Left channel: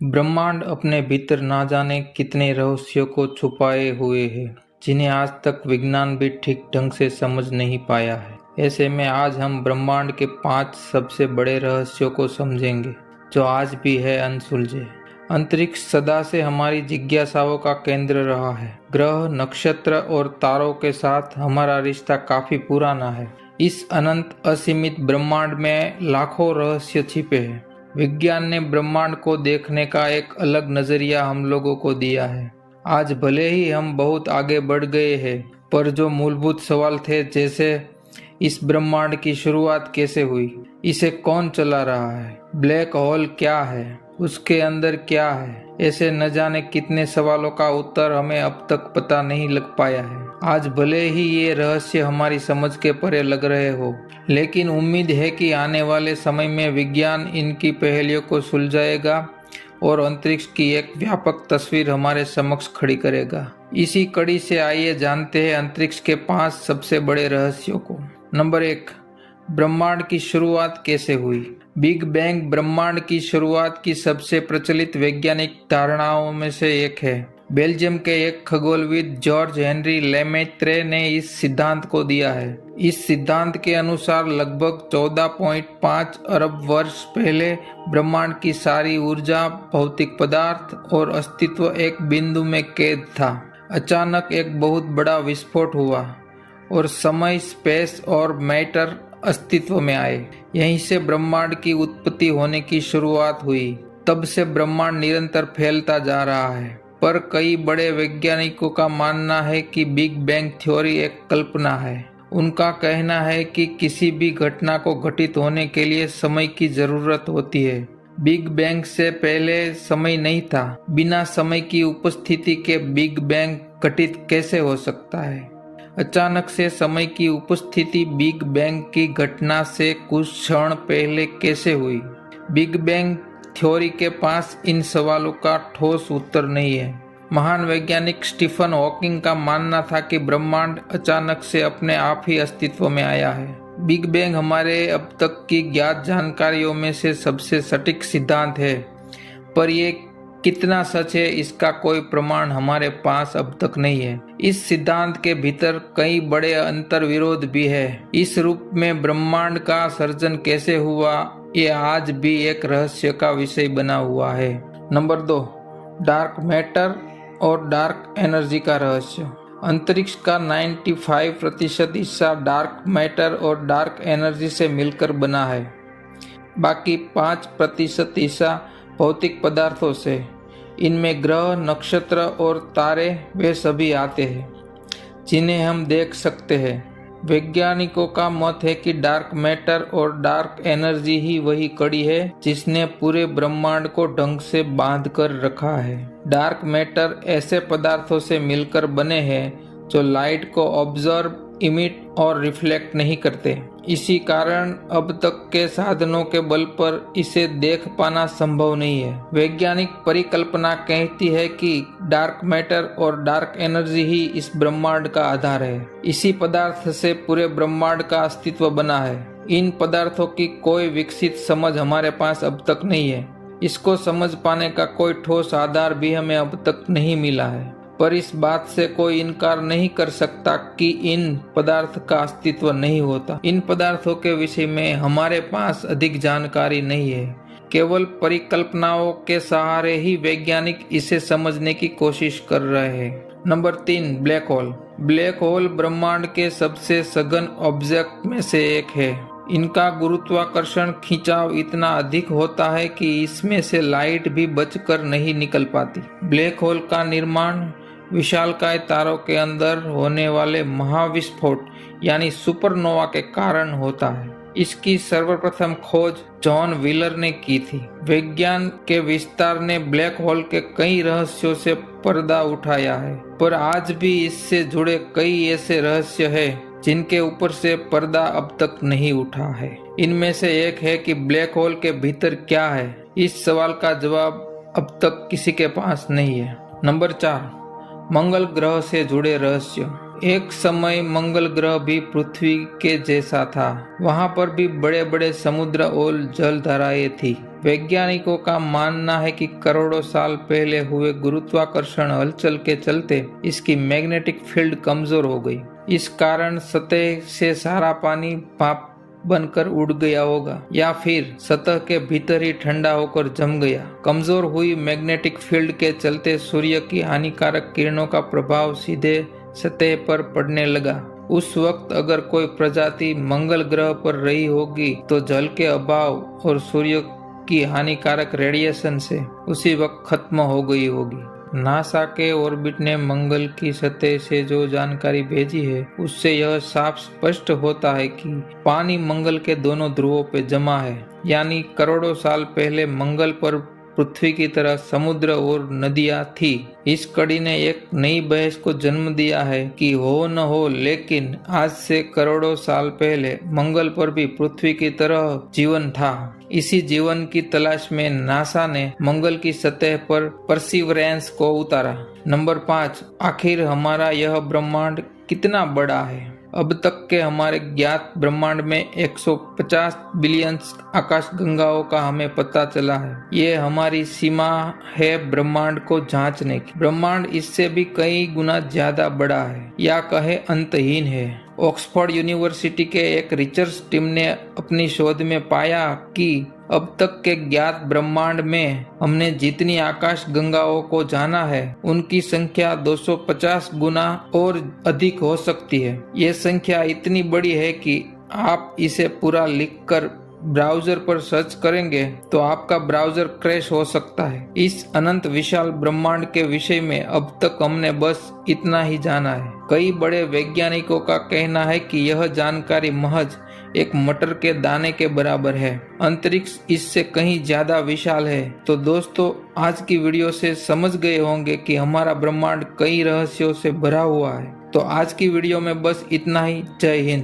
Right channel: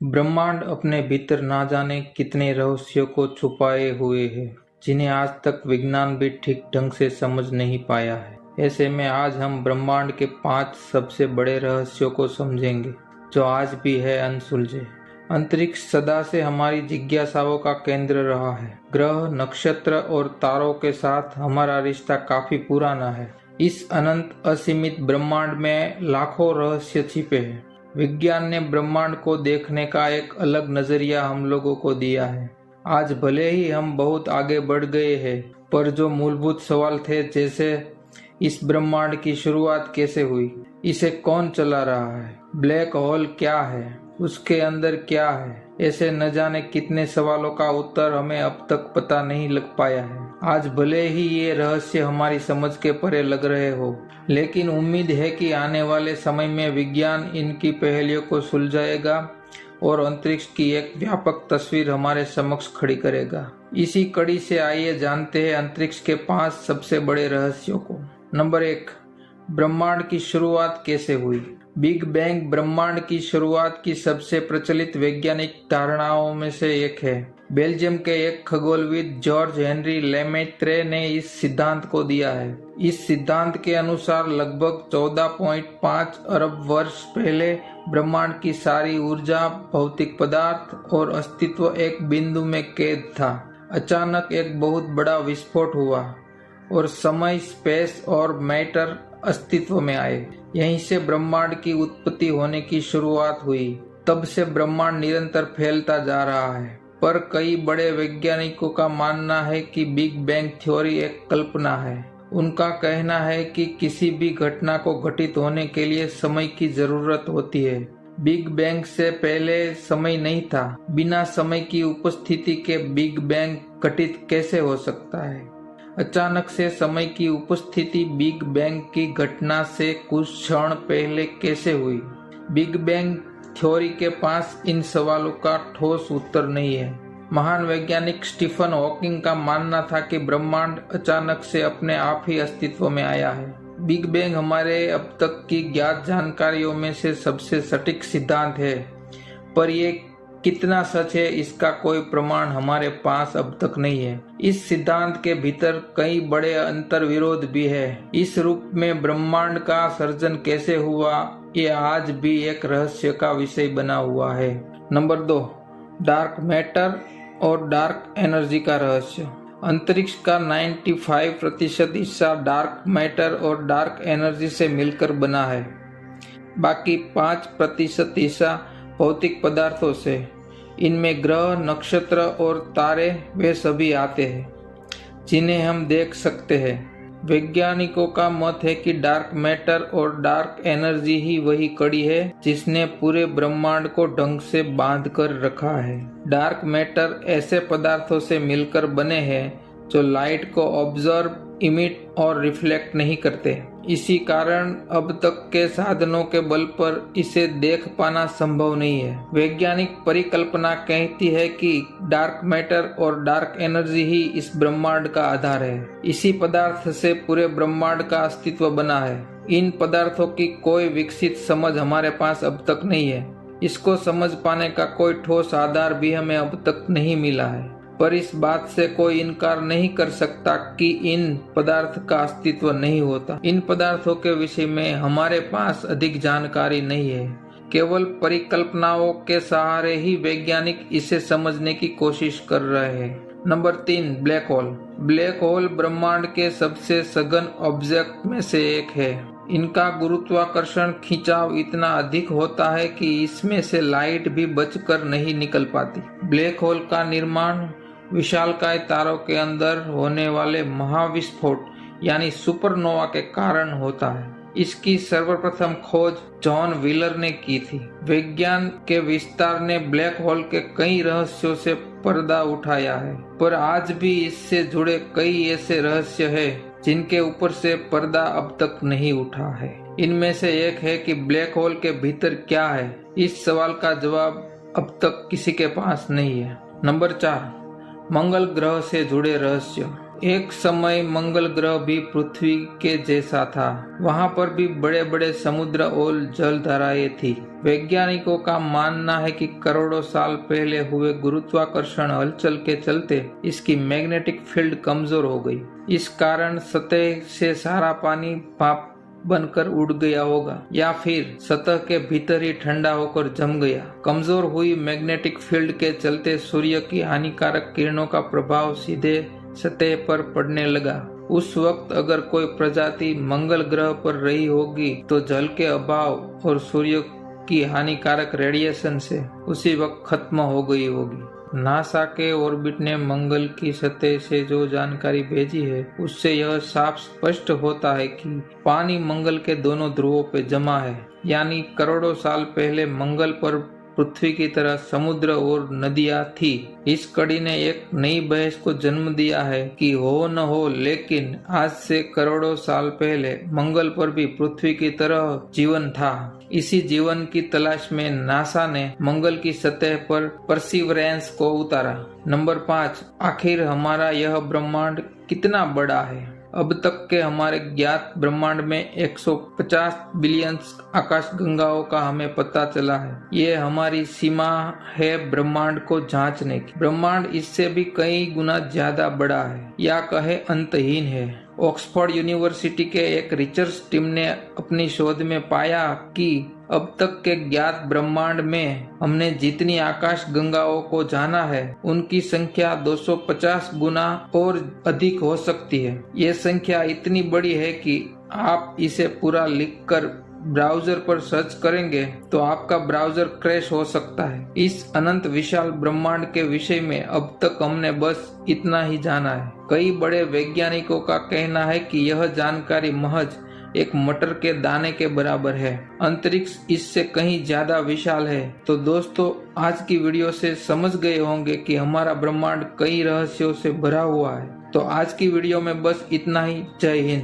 ब्रह्मांड अपने भीतर ना जाने कितने रहस्यों को छुपाए हुए है, जिन्हें आज तक विज्ञान भी ठीक ढंग से समझ नहीं पाया है। ऐसे में आज हम ब्रह्मांड के 5 सबसे बड़े रहस्यों को समझेंगे, जो आज भी है अनसुलझे। अंतरिक्ष सदा से हमारी जिज्ञासाओं का केंद्र रहा है। ग्रह, नक्षत्र और तारों के साथ हमारा रिश्ता काफी पुराना है। इस अनंत असीमित ब्रह्मांड में लाखों रहस्य छिपे हैं। विज्ञान ने ब्रह्मांड को देखने का एक अलग नजरिया हम लोगों को दिया है। आज भले ही हम बहुत आगे बढ़ गए हैं, पर जो मूलभूत सवाल थे, जैसे इस ब्रह्मांड की शुरुआत कैसे हुई, इसे कौन चला रहा है, ब्लैक होल क्या है, उसके अंदर क्या है, ऐसे न जाने कितने सवालों का उत्तर हमें अब तक पता नहीं लग पाया है। आज भले ही ये रहस्य हमारी समझ के परे लग रहे हो, लेकिन उम्मीद है कि आने वाले समय में विज्ञान इनकी पहेलियों को सुलझाएगा और अंतरिक्ष की एक व्यापक तस्वीर हमारे समक्ष खड़ी करेगा। इसी कड़ी से आइए जानते हैं अंतरिक्ष के 5 सबसे बड़े रहस्यों को। नंबर 1, ब्रह्मांड की शुरुआत कैसे हुई। बिग बैंग ब्रह्मांड की शुरुआत की सबसे प्रचलित वैज्ञानिक धारणाओं में से एक है। बेल्जियम के एक खगोलविद जॉर्ज हेनरी लेमेत्रे ने इस सिद्धांत को दिया है। इस सिद्धांत के अनुसार लगभग 14.5 अरब वर्ष पहले ब्रह्मांड की सारी ऊर्जा, भौतिक पदार्थ और अस्तित्व एक बिंदु में कैद था। अचानक एक बहुत बड़ा विस्फोट हुआ और समय, स्पेस और मैटर अस्तित्व में आए। यहीं से ब्रह्मांड की उत्पत्ति होने की शुरुआत हुई। तब से ब्रह्मांड निरंतर फैलता जा रहा है, पर कई बड़े वैज्ञानिकों का मानना है कि बिग बैंग थ्योरी एक कल्पना है। उनका कहना है कि किसी भी घटना को घटित होने के लिए समय की जरूरत होती है। बिग बैंग से पहले समय नहीं था। बिना समय की उपस्थिति के बिग बैंग घटित कैसे हो सकता है। अचानक से समय की उपस्थिति बिग बैंग की घटना से कुछ क्षण पहले कैसे हुई। बिग बैंग थ्योरी के पास इन सवालों का ठोस उत्तर नहीं है। महान वैज्ञानिक स्टीफन हॉकिंग का मानना था कि ब्रह्मांड अचानक से अपने आप ही अस्तित्व में आया है। बिग बैंग हमारे अब तक की ज्ञात जानकारियों में से सबसे सटीक सिद्धांत है, पर ये कितना सच है इसका कोई प्रमाण हमारे पास अब तक नहीं है। इस सिद्धांत के भीतर कई बड़े अंतर विरोध भी है। इस रूप में ब्रह्मांड का सर्जन कैसे हुआ, ये आज भी एक रहस्य का विषय बना हुआ है। नंबर 2, डार्क मैटर और डार्क एनर्जी का रहस्य। अंतरिक्ष का 95% हिस्सा डार्क मैटर और डार्क एनर्जी से मिलकर बना है। बाकी 5% हिस्सा भौतिक पदार्थों से। इनमें ग्रह, नक्षत्र और तारे वे सभी आते हैं, जिन्हें हम देख सकते हैं। वैज्ञानिकों का मत है कि डार्क मैटर और डार्क एनर्जी ही वही कड़ी है जिसने पूरे ब्रह्मांड को ढंग से बांध कर रखा है। डार्क मैटर ऐसे पदार्थों से मिलकर बने हैं जो लाइट को ऑब्जर्व, इमिट और रिफ्लेक्ट नहीं करते। इसी कारण अब तक के साधनों के बल पर इसे देख पाना संभव नहीं है। वैज्ञानिक परिकल्पना कहती है कि डार्क मैटर और डार्क एनर्जी ही इस ब्रह्मांड का आधार है। इसी पदार्थ से पूरे ब्रह्मांड का अस्तित्व बना है। इन पदार्थों की कोई विकसित समझ हमारे पास अब तक नहीं है। इसको समझ पाने का कोई ठोस आधार भी हमें अब तक नहीं मिला है, पर इस बात से कोई इनकार नहीं कर सकता कि इन पदार्थ का अस्तित्व नहीं होता। इन पदार्थों के विषय में हमारे पास अधिक जानकारी नहीं है। केवल परिकल्पनाओं के सहारे ही वैज्ञानिक इसे समझने की कोशिश कर रहे हैं। Number 3, black hole. Black hole ब्रह्मांड के सबसे सघन ऑब्जेक्ट में से एक है। इनका गुरुत्वाकर्षण खिंचाव इतना अधिक होता है कि इसमें से लाइट भी बचकर नहीं निकल पाती। ब्लैक होल का निर्माण विशालकाय तारों के अंदर होने वाले महाविस्फोट यानी सुपरनोवा के कारण होता है। इसकी सर्वप्रथम खोज जॉन व्हीलर ने की थी। विज्ञान के विस्तार ने ब्लैक होल के कई रहस्यों से पर्दा उठाया है, पर आज भी इससे जुड़े कई ऐसे रहस्य हैं जिनके ऊपर से पर्दा अब तक नहीं उठा है। इनमें से एक है कि ब्लैक होल के भीतर क्या है। इस सवाल का जवाब अब तक किसी के पास नहीं है। नंबर 4, मंगल ग्रह से जुड़े रहस्य। एक समय मंगल ग्रह भी पृथ्वी के जैसा था। वहां पर भी बड़े बड़े समुद्र और जलधाराएं थी। वैज्ञानिकों का मानना है कि करोड़ों साल पहले हुए गुरुत्वाकर्षण हलचल के चलते इसकी मैग्नेटिक फील्ड कमजोर हो गई। इस कारण सतह से सारा पानी भाप बनकर उड़ गया होगा या फिर सतह के भीतर ही ठंडा होकर जम गया। कमजोर हुई मैग्नेटिक फील्ड के चलते सूर्य की हानिकारक किरणों का प्रभाव सीधे सतह पर पड़ने लगा। उस वक्त अगर कोई प्रजाति मंगल ग्रह पर रही होगी तो जल के अभाव और सूर्य की हानिकारक रेडिएशन से उसी वक्त खत्म हो गई होगी। नासा के ऑर्बिट ने मंगल की सतह से जो जानकारी भेजी है उससे यह साफ स्पष्ट होता है कि पानी मंगल के दोनों ध्रुवों पे जमा है, यानी करोड़ों साल पहले मंगल पर पृथ्वी की तरह समुद्र और नदियां थी। इस कड़ी ने एक नई बहस को जन्म दिया है कि हो न हो, लेकिन आज से करोड़ों साल पहले मंगल पर भी पृथ्वी की तरह जीवन था। इसी जीवन की तलाश में नासा ने मंगल की सतह पर परसिवरेंस को उतारा। नंबर 5, आखिर हमारा यह ब्रह्मांड कितना बड़ा है? अब तक के हमारे ज्ञात ब्रह्मांड में 150 बिलियन आकाश गंगाओं का हमें पता चला है। ये हमारी सीमा है ब्रह्मांड को जांचने की। ब्रह्मांड इससे भी कई गुना ज्यादा बड़ा है या कहे अंतहीन है। ऑक्सफोर्ड यूनिवर्सिटी के एक रिसर्च टीम ने अपनी शोध में पाया कि अब तक के ज्ञात ब्रह्मांड में हमने जितनी आकाश गंगाओं को जाना है उनकी संख्या 250 गुना और अधिक हो सकती है। ये संख्या इतनी बड़ी है कि आप इसे पूरा लिखकर ब्राउजर पर सर्च करेंगे तो आपका ब्राउजर क्रैश हो सकता है। इस अनंत विशाल ब्रह्मांड के विषय में अब तक हमने बस इतना ही जाना है। कई बड़े वैज्ञानिकों का कहना है कि यह जानकारी महज एक मटर के दाने के बराबर है। अंतरिक्ष इससे कहीं ज्यादा विशाल है। तो दोस्तों, आज की वीडियो से समझ गए होंगे कि हमारा ब्रह्मांड कई रहस्यों से भरा हुआ है। तो आज की वीडियो में बस इतना ही। जय हिंद।